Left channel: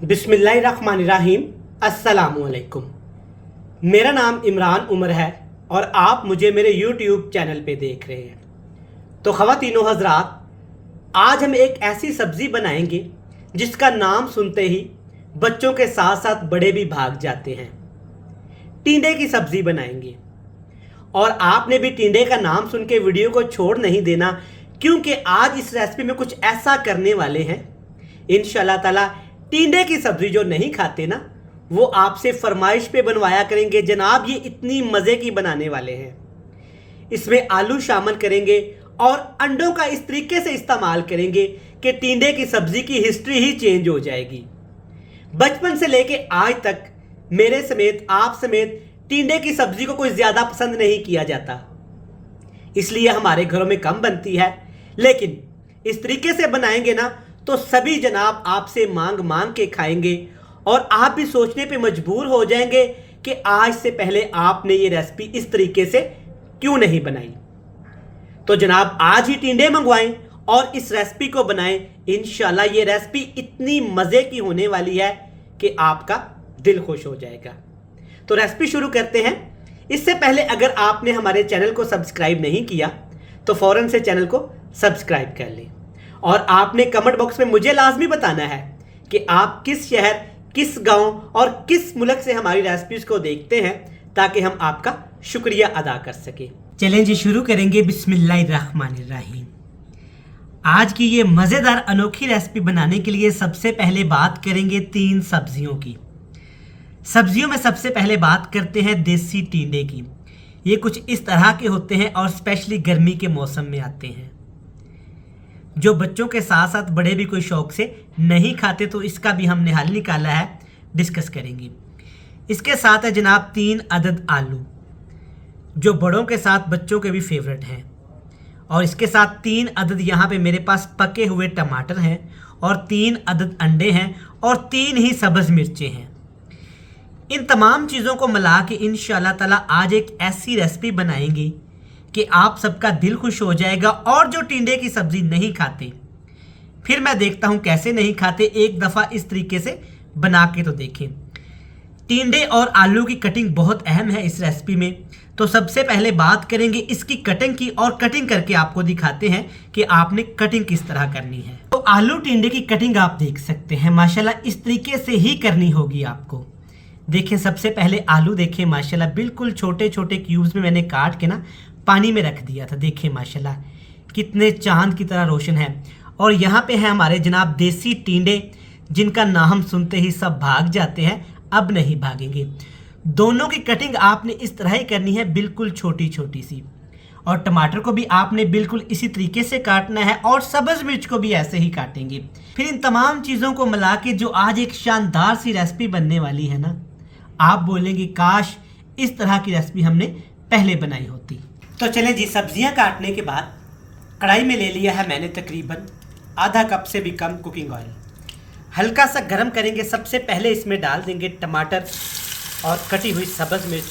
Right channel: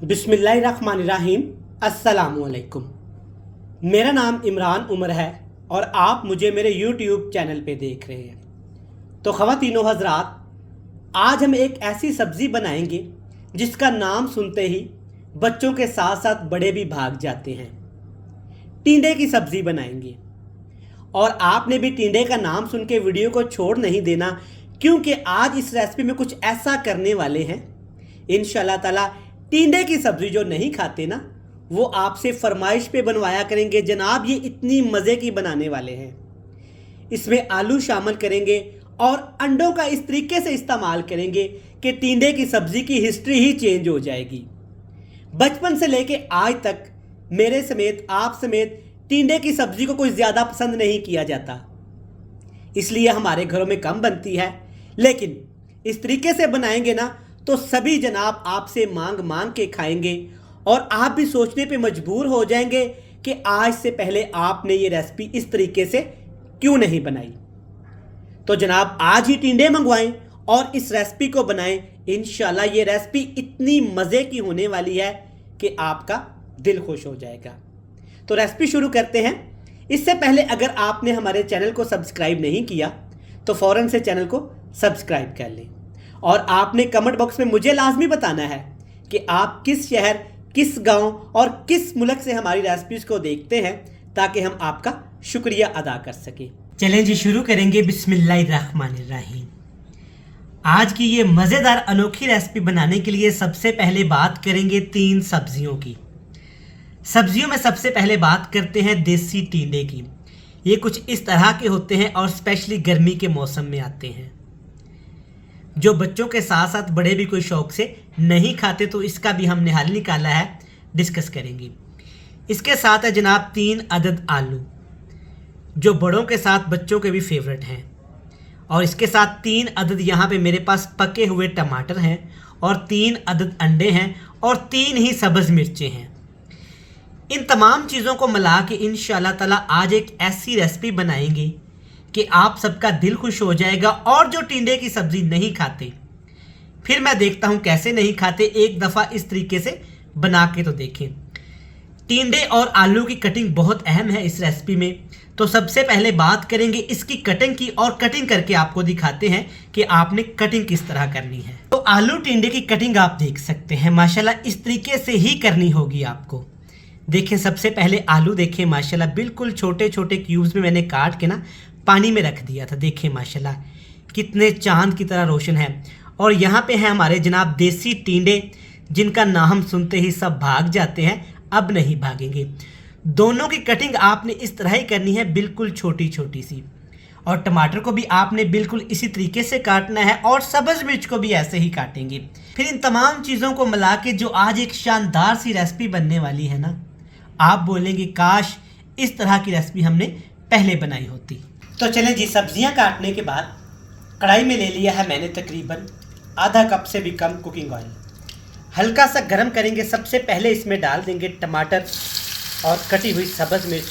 बिस्मिल्लाहिर्रहमानिर्रहीम। अस्सलामुअलैकुम। मेरा नाम इमरान उमर है और आप मुझे मेरे यूट्यूब चैनल पे देख रहे हैं। तो ख़वातीनो हज़रात, आज हम एक ऐसी सब्ज़ी बनाएंगे जिसका नाम सुनते ही बच्चों के साथ साथ बड़े भी भाग जाते हैं। टिंडे की सब्ज़ी बनाएंगे और आपने भी टिंडे का नाम सुन के वीडियो को छोड़ नहीं देना, क्योंकि आज इस रेसिपी में कुछ ऐसा करने वाले हैं इंशाल्लाह ताला। टिंडे की सब्ज़ी जो नहीं खाते ना, वो आपसे फरमाइश पे बनवाया करेंगे। जनाब, ये इतनी मज़े की बनाने वाले हैं। इसमें आलू शामिल करेंगे और अंडों का इस तरीके से इस्तेमाल करेंगे कि टिंडे की सब्ज़ी की हिस्ट्री ही चेंज हो जाएगी। बचपन से लेके आज तक मेरे समेत आप समेत टिंडे की सब्ज़ी को कोई ज़्यादा पसंद नहीं किया जाता, इसलिए हमारे घरों में कम बनती है। लेकिन इस तरीके से बनाएंगे ना तो सभी जनाब आपसे मांग मांग के खाएंगे और आप भी सोचने पे मजबूर हो जाएंगे कि आज से पहले आपने ये रेसिपी इस तरीके से क्यों नहीं बनाई। तो जनाब, आज ही टिंडे मंगवाएं और इस रेसिपी को बनाएं। इंशाल्लाह ये रेसिपी इतनी मज़े की होने वाली है कि आपका दिल खुश हो जाएगा। तो रेसिपी शुरू करते हैं। इससे पहले अगर आपने हमारे चैनल को सब्सक्राइब नहीं किया तो फ़ौरन से चैनल को सब्सक्राइब कर लें और आपने कमेंट बॉक्स में मुझे लाजमी बताना है कि आप किस शहर, किस गांव और किस मुल्क से हमारी रेसिपीज़ को देखते हैं, ताकि हम आपका शुक्रिया अदा कर सकें। चलें जी, शुरू करेंगे। बिस्मिल्लाहिर्रहमानिर्रहीम। आज की ये मज़ेदार अनोखी रेसिपी बनाने के लिए सबसे पहले बात करेंगे 3 सब्जियों की। सब्जियों में सबसे पहले बात करते हैं देसी टिंडे की। ये कुछ इस तरह के होते हैं और स्पेशली गर्मी के मौसम में आते हैं, जो बच्चों के साथ साथ बड़े भी कोई शौक से नहीं खाते, तो इसका भी हमने हल निकाला है, डिस्कस करेंगे। इसके साथ है जनाब 3 अदद आलू, जो बड़ों के साथ बच्चों के भी फेवरेट हैं। और इसके साथ 3 अदद यहाँ पे मेरे पास पके हुए टमाटर हैं और 3 अदद अंडे हैं और 3 ही सब्ज़ मिर्चें हैं। इन तमाम चीज़ों को मिला के इंशाल्लाह ताला आज एक ऐसी रेसिपी बनाएंगे कि आप सबका दिल खुश हो जाएगा। और जो टिंडे की सब्ज़ी नहीं खाते, फिर मैं देखता हूँ कैसे नहीं खाते, एक दफ़ा इस तरीके से बना के तो देखें। टिंडे और आलू की कटिंग बहुत अहम है इस रेसिपी में। तो सबसे पहले बात करेंगे इसकी कटिंग की और कटिंग करके आपको दिखाते हैं कि आपने कटिंग किस तरह करनी है। तो आलू टिंडे की कटिंग आप देख सकते हैं, माशाल्लाह इस तरीके से ही करनी होगी आपको। देखें, सबसे पहले आलू देखें, माशाल्लाह बिल्कुल छोटे छोटे क्यूब्स में मैंने काट के ना पानी में रख दिया था। देखें माशाल्लाह कितने चांद की तरह रोशन है। और यहाँ पे है हमारे जनाब देसी टिंडे, जिनका नाम सुनते ही सब भाग जाते हैं, अब नहीं भागेंगे। दोनों की कटिंग आपने इस तरह ही करनी है, बिल्कुल छोटी छोटी सी। और टमाटर को भी आपने बिल्कुल इसी तरीके से काटना है और सब्ज़ मिर्च को भी ऐसे ही काटेंगे। फिर इन तमाम चीज़ों को मिला के जो आज एक शानदार सी रेसिपी बनने वाली है ना, आप बोलेंगे काश इस तरह की रेसिपी हमने पहले बनाई होती। तो चलें जी, सब्जियां काटने के बाद कढ़ाई में ले लिया है मैंने तकरीबन आधा कप से भी कम कुकिंग ऑयल। हल्का सा गर्म करेंगे। सबसे पहले इसमें डाल देंगे टमाटर और कटी हुई सब्ज़ मिर्च।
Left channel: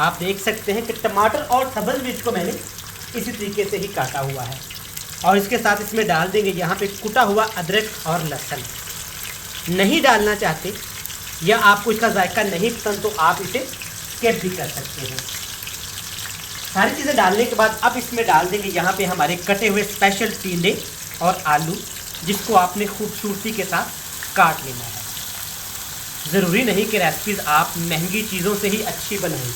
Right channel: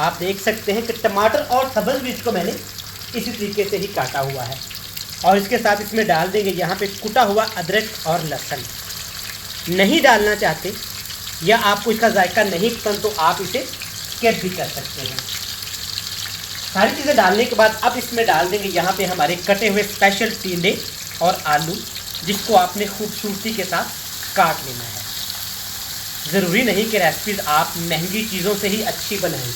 आप देख सकते हैं कि टमाटर और सब्ज़ मिर्च को मैंने इसी तरीके से ही काटा हुआ है। और इसके साथ इसमें डाल देंगे यहाँ पे कुटा हुआ अदरक और लहसुन। नहीं डालना चाहते या आपको इसका जायका नहीं पसंद तो आप इसे स्किप भी कर सकते हैं। सारी चीज़ें डालने के बाद अब इसमें डाल देंगे यहाँ पे हमारे कटे हुए स्पेशल टिंडे और आलू, जिसको आपने खूबसूरती के साथ काट लेना है। ज़रूरी नहीं कि रेसिपीज़ आप महंगी चीज़ों से ही अच्छी बनाएं।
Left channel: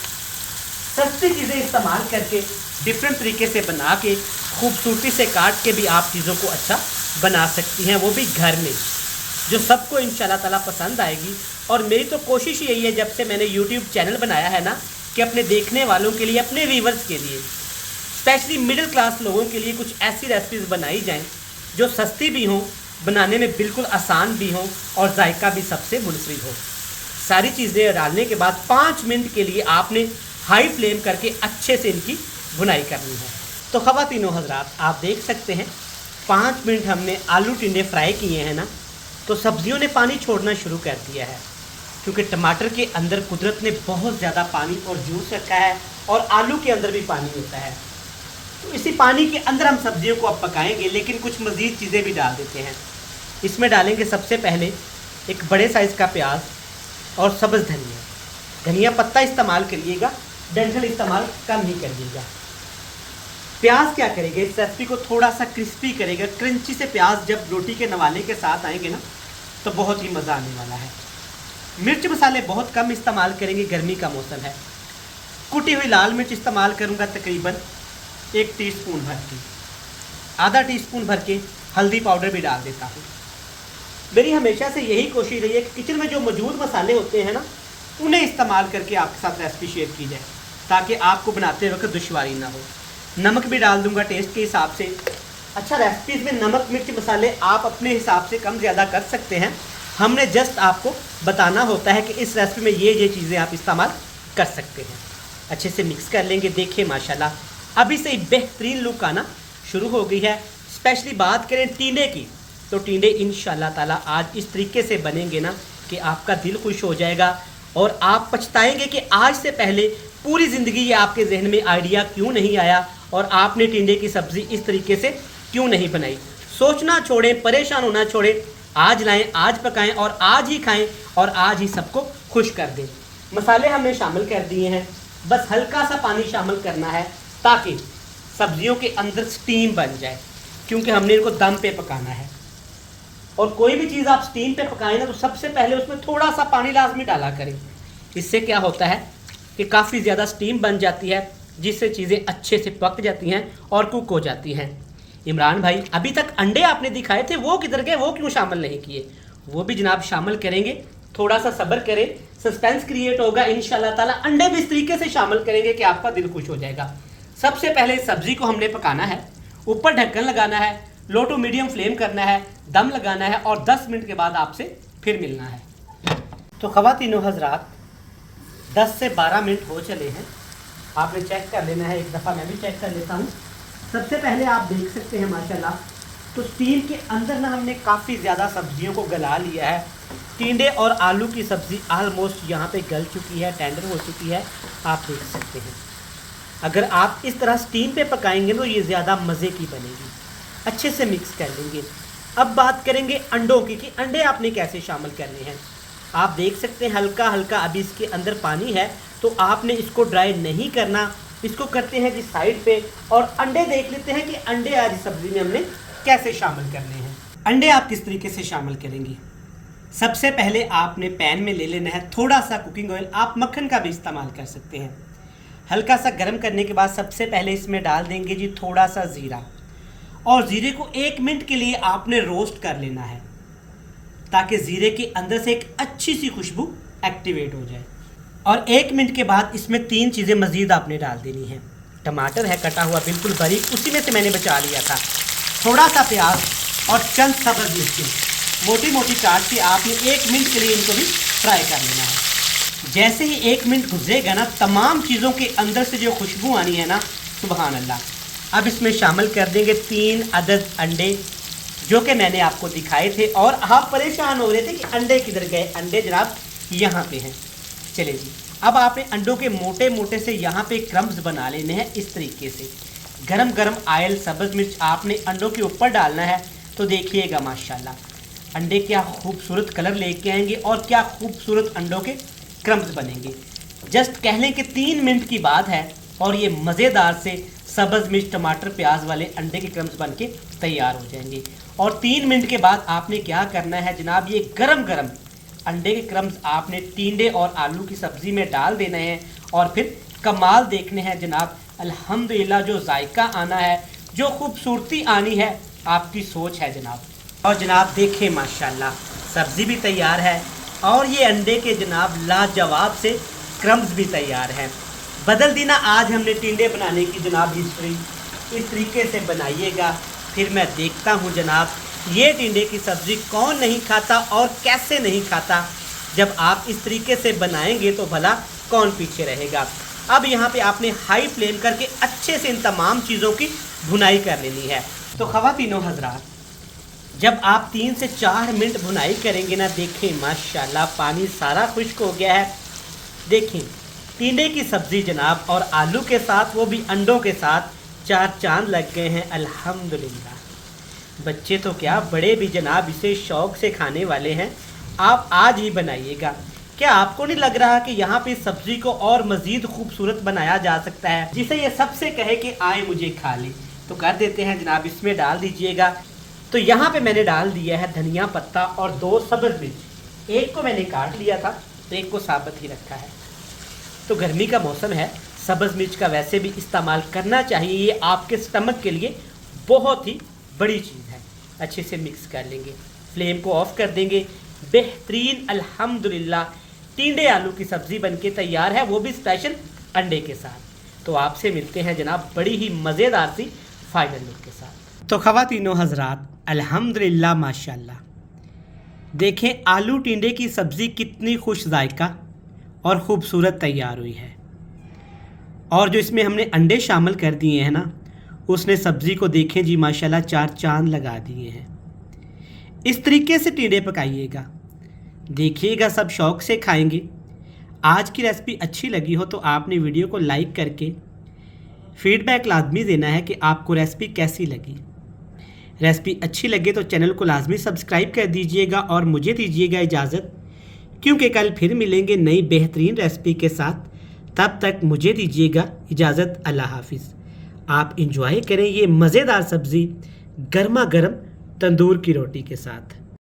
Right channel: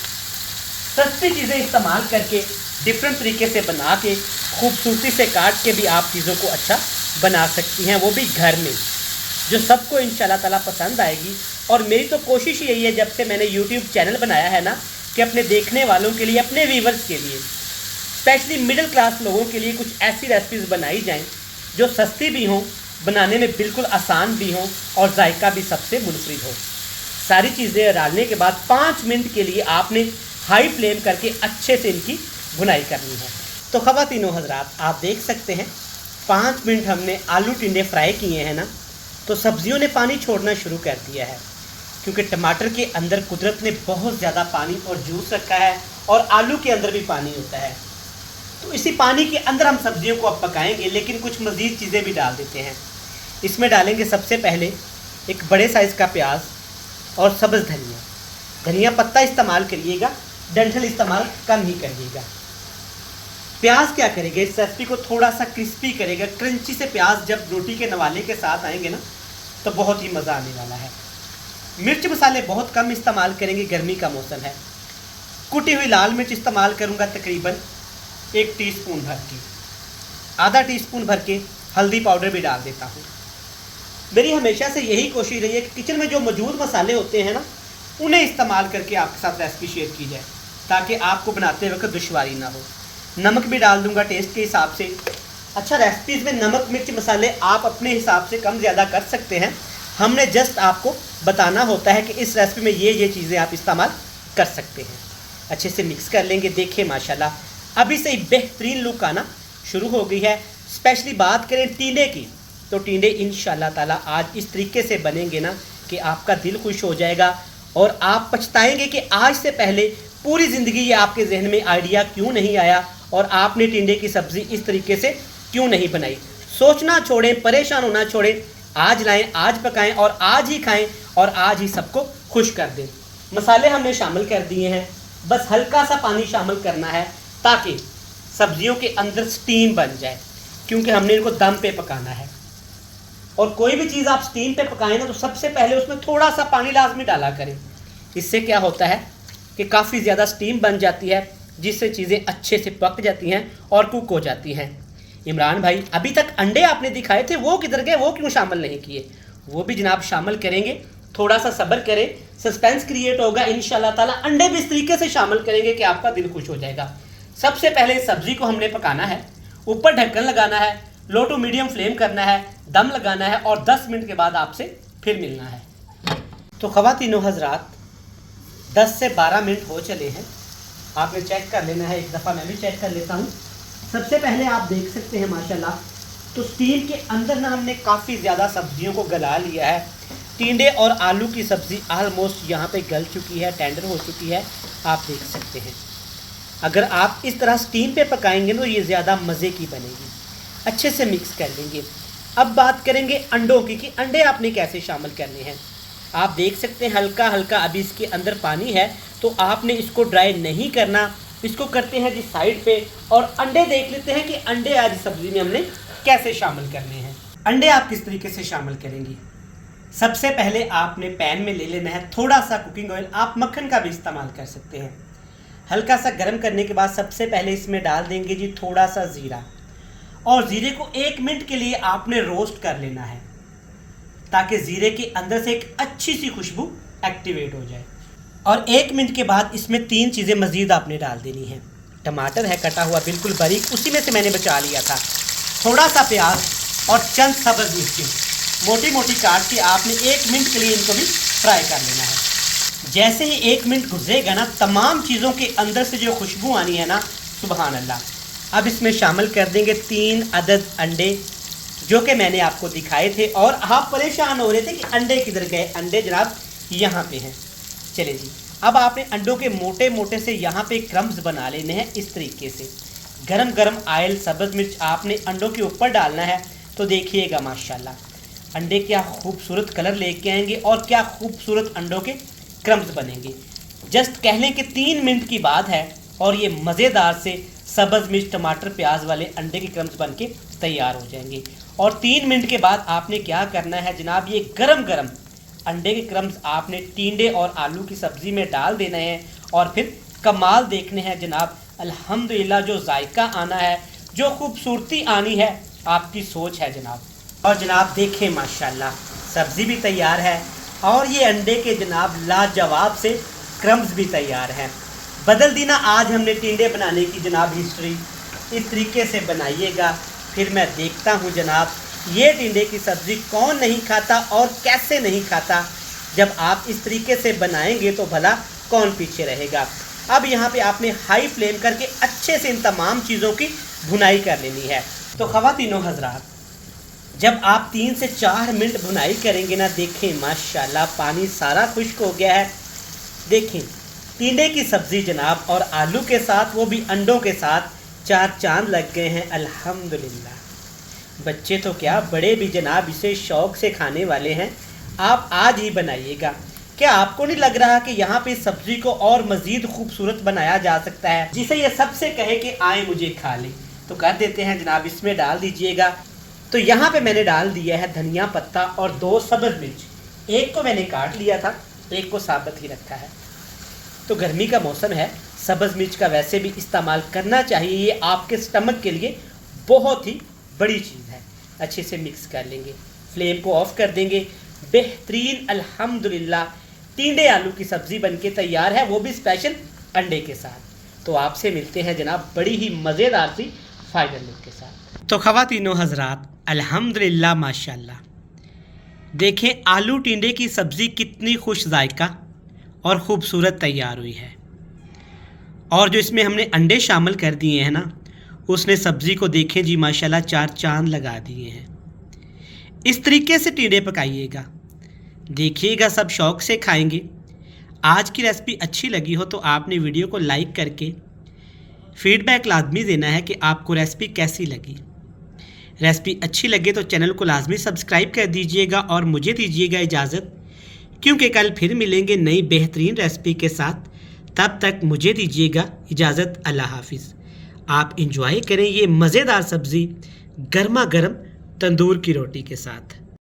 सस्ती चीज़ें इस्तेमाल करके डिफरेंट तरीके से बना के खूबसूरती से काट के भी आप चीज़ों को अच्छा बना सकती हैं, वो भी घर में, जो सबको इंशाल्लाह ताला पसंद आएगी। और मेरी तो कोशिश यही है, जब से मैंने यूट्यूब चैनल बनाया है ना, कि अपने देखने वालों के लिए, अपने व्यूवर्स के लिए, स्पेशली मिडिल क्लास लोगों के लिए कुछ ऐसी रेसिपीज़ बनाई जाएं जो सस्ती भी हों, बनाने में बिल्कुल आसान भी हों और जायका भी सबसे मुनफरिद हो। सारी चीज़ें डालने के बाद 5 मिनट के लिए आपने हाई फ्लेम करके अच्छे से इनकी भुनाई करनी है। तो ख़वातीनो हज़रात, आप देख सकते हैं 5 मिनट हमने आलू टिंडे फ्राई किए हैं ना, तो सब्जियों ने पानी छोड़ना शुरू कर दिया है, क्योंकि टमाटर के अंदर कुदरत ने बहुत ज़्यादा पानी और जूस रखा है और आलू के अंदर भी पानी होता है। तो इसी पानी के अंदर हम सब्जियों को अब पकाएंगे, लेकिन कुछ मज़ीद चीज़ें भी डाल देते हैं। इसमें डालेंगे सबसे पहले एक बड़े साइज़ का प्याज और सब्ज़ धनिया। धनिया पत्ता इस्तेमाल करिएगा, डंठल इस्तेमाल कम ही करिएगा। प्याज क्या करेगा, इस रेसिपी को थोड़ा सा क्रिस्पी करेगा। क्रंची से प्याज जब रोटी के नवाले के साथ आएंगे ना तो बहुत ही मज़ा आने वाला है। मिर्च मसाले बहुत कम इस्तेमाल करेंगे, गर्मी का मौसम है। कुटी हुई लाल मिर्च इस्तेमाल करूँगा तकरीबन 1 टीस्पून भर की। आधा टीस्पून भर के हल्दी पाउडर भी डाल देता हूँ। मेरी हमेशा से यही कोशिश रही है कि किचन में जो मौजूद मसाले होते हैं ना उन्हें इस्तेमाल करके आपके साथ रेसिपी शेयर की जाए ताकि आपको बनाते वक्त दुश्वारी ना हो। नमक भी डाल दूंगा टेस्ट के हिसाब से। अच्छा, रेसिपीज़ में नमक मिर्च मसाले आप अपने हिसाब से कम ज़्यादा कर सकते हैं। हमने जस्ट आपको बताना होता है कि इस रेसिपी में ये चीज़ें आप इस्तेमाल कर सकते हैं। अच्छे से मिक्स कर लेंगे। देखिए माशाल्लाह अभी से बेहतरीन लुक आना शुरू हो गई है। स्पेशली बात करें टींडे की तो टींडे इंशाल्लाह ताला आज इस तरीके से बनेंगे ना कि आपका दिल खुश हो जाएगा और आप पछताएंगे कि आज से पहले पूरी ज़िंदगी ये आपके जहन में आइडिया क्यों नहीं आया और आपने टिंडे की सब्ज़ी इस तरीके से क्यों नहीं बनाई। सोचना छोड़ें, परेशान होना छोड़ें, आज लाएं, आज पकाएं और आज ही खाएं और आज ही सबको खुश कर दें। मसाले हमने शामिल कर दिए हैं, बस हल्का सा पानी शामिल करना है ताकि सब्जियों के अंदर स्टीम बन जाए, क्योंकि हमने इनको दम पे पकाना है। और कोई भी चीज़ आप स्टीम पे पकाएं ना तो सबसे पहले उसमें थोड़ा सा पानी लाजमी डाला करें। इससे क्या होता है कि काफ़ी ज़्यादा स्टीम बन जाती है, जिससे चीज़ें अच्छे से पक जाती हैं और कुक हो जाती हैं। इमरान भाई, अभी तक अंडे आपने दिखाए थे, वो किधर गए, वो क्यों शामिल नहीं किए? वो भी जनाब शामिल करेंगे। थोड़ा सा सब्र करें, सस्पेंस क्रिएट होगा इंशाल्लाह ताला। अंडे भी इस तरीके से शामिल करेंगे कि आपका दिल खुश हो जाएगा। सबसे पहले सब्ज़ी को हमने पकाना है, ऊपर ढक्कन लगाना है, लो टू मीडियम फ्लेम करना है, दम लगाना है और 10 मिनट के बाद आपसे फिर मिलना है। तो ख़वातीनो हज़रात 10 से 12 मिनट हो चले हैं। आपने चेक कर लेना है, एक दफ़ा मैं भी चेक कर लेता हूँ। सबसे पहले आप देख सकते हैं माशाल्लाह तो स्टीम के अंदर ना हमने काफ़ी ज़्यादा सब्जियों को गला लिया है। टिंडे और आलू की सब्ज़ी ऑलमोस्ट यहाँ पे गल चुकी है, टेंडर हो चुकी है, आप देख सकते हैं। अगर आप इस तरह स्टीम पे पकाएंगे तो ये ज़्यादा मज़े की बनेगी। अच्छे से मिक्स कर देंगे। अब बात करेंगे अंडों की कि अंडे आपने कैसे शामिल करने हैं। आप देख सकते हैं हल्का हल्का अभी इसके अंदर पानी है, तो आपने इसको ड्राई नहीं करना, इसको करते हैं जी साइड पे और अंडे देख लेते हैं कि अंडे आज सब्ज़ी में हमने कैसे शामिल करने हैं। अंडे आप किस तरीके से शामिल करेंगी। सबसे पहले आपने पैन में ले लेना है थोड़ा सा कुकिंग ऑयल, आप मक्खन का भी इस्तेमाल कर सकते हैं। हल्का सा गर्म करने के बाद सबसे पहले इसमें डाल देंगे जी थोड़ा सा ज़ीरा, और ज़ीरे को 1 मिनट के लिए आपने रोस्ट कर लेना है ताकि ज़ीरे के अंदर से एक अच्छी सी खुशबू एक्टिवेट हो जाए। और 1 मिनट के बाद इसमें 3 चीज़ें मज़ीद आपने डाल देनी है। टमाटर है कटा हुआ बिल्कुल बारीक, उसी में से मैंने बचा लिया था, थोड़ा सा प्याज और चंद सब्ज़ मिर्ची मोटी मोटी काट के आपने 1 मिनट के लिए इनको भी फ्राई कर लेना है। जैसे ही 1 मिनट गुजरेगा ना, तमाम चीज़ों के अंदर से जो खुशबू आनी है ना, सुबहान अल्लाह। अब इसमें शामिल कर देंगे 3 अदद अंडे जो कि मैंने आपको दिखाए थे, और आप परेशान हो रहे थे कि अंडे किधर गए। अंडे जनाब यहाँ पे हैं। चले जी, अब आपने अंडों के मोटे मोटे से यहाँ पे क्रम्स बना लेने हैं इस तरीके से। गरम गरम आयल सब्ज़ मिर्च आपने अंडों के ऊपर डालना है। तो देखिएगा माशाल्लाह अंडे क्या खूबसूरत कलर लेके आएंगे और क्या खूबसूरत अंडों के क्रम्स बनेंगे। जस्ट कह लें कि 3 मिनट की बात है और ये मज़ेदार से सब्ज़ मिर्च टमाटर प्याज वाले अंडे के क्रम्स बन के तैयार हो जाएंगे। और 3 मिनट के बाद आपने क्या करना है जनाब, ये गरम गरम अंडे के क्रम्स आपने टिंडे और आलू की सब्ज़ी में डाल देना है और फिर कमाल देखने हैं जनाब। अल्हम्दुलिल्लाह जो जायका आना है, जो खूबसूरती आनी है, आपकी सोच है जनाब। और जनाब देखें माशाल्लाह सब्ज़ी भी तैयार है और ये अंडे के जनाब लाजवाब से क्रम्स भी तैयार हैं। बदल दी ना आज हमने टिंडे बनाने की जनाब हिस्ट्री। इस तरीके से बनाइएगा, फिर मैं देखता हूँ जनाब ये टिंडे की सब्ज़ी कौन नहीं खाता और कैसे नहीं खाता। जब आप इस तरीके से बनाएंगे तो भला कौन पीछे रहेगा। अब यहाँ पे आपने हाई फ्लेम करके अच्छे से इन तमाम चीज़ों की भुनाई कर लेनी है। तो ख़वातीनो हज़रात जब आप 3 से 4 मिनट भुनाई करेंगे ना, देखें माशाल्लाह पानी सारा खुश्क हो गया है। देखें टिंडे की सब्ज़ी जनाब और आलू के साथ, वो भी अंडों के साथ 4 चांद लग गए हैं अल्हम्दुलिल्लाह। बच्चे तो क्या बड़े भी जनाब इसे शौक़ से खाने वाले हैं। आप आज ही बनाइएगा। क्या आपको नहीं लग रहा कि यहाँ पे सब्जी को और मज़ीद खूबसूरत बनाया जा सकता है, जिसे ये सबसे कहे कि आए मुझे खा ले? तो कर देते हैं जनाब, इसमें डाल दीजिएगा। तो यहाँ पे मैंने डाल दिया है धनिया पत्ता और 2 सब्ज़ मिर्च। एक को मैंने काट लिया था, एक को साबुत ही रखा है। तो गर्मी का मौसम है, सब्ज़ मिर्च का वैसे भी इस्तेमाल करना चाहिए, ये आपके स्टमक के लिए बहुत ही बड़ी चीज़ है। अच्छे से मिक्स कर लेंगे, फ्लेम को ऑफ कर देंगे। बेहतरीन अल्हम्दुलिल्लाह टिंडे आलू की सब्ज़ी बनके तैयार है, वो भी स्पेशल अंडे के साथ। तो आपसे मिलते हैं जनाब बड़ी ही मज़ेदार सी फाइनल लुक के साथ। तो ख़वातीनो हज़रात, अल्हम्दुलिल्लाह माशाल्लाह, देखें आलू टिंडे की सब्ज़ी कितनी खुश जायका और ख़ूबसूरत तैयार हुई है। और जो इसमें हमने अंडे शामिल कर दिए हैं ना, उसने सब्ज़ी को देखें जी माशाल्लाह 4 चांद लगा दिए हैं। इस तरीके से टिंडे पकाइएगा, देखिएगा सब शौक़ से खाएंगे। आज की रेसिपी अच्छी लगी हो तो आपने वीडियो को लाइक करके फीडबैक लाजमी देना है कि आपको रेसिपी कैसी लगी। रेसिपी अच्छी लगे तो चैनल को लाजमी सब्सक्राइब कर दीजिएगा और मुझे दीजिएगा इजाज़त, क्योंकि कल फिर मिलेंगे नई बेहतरीन रेसिपी के साथ। तब तक मुझे दीजिएगा इजाज़त। अल्लाह हाफिज़। आप इंजॉय करें ये मज़ेदार सब्ज़ी गर्मा गर्म तंदूर की रोटी के साथ।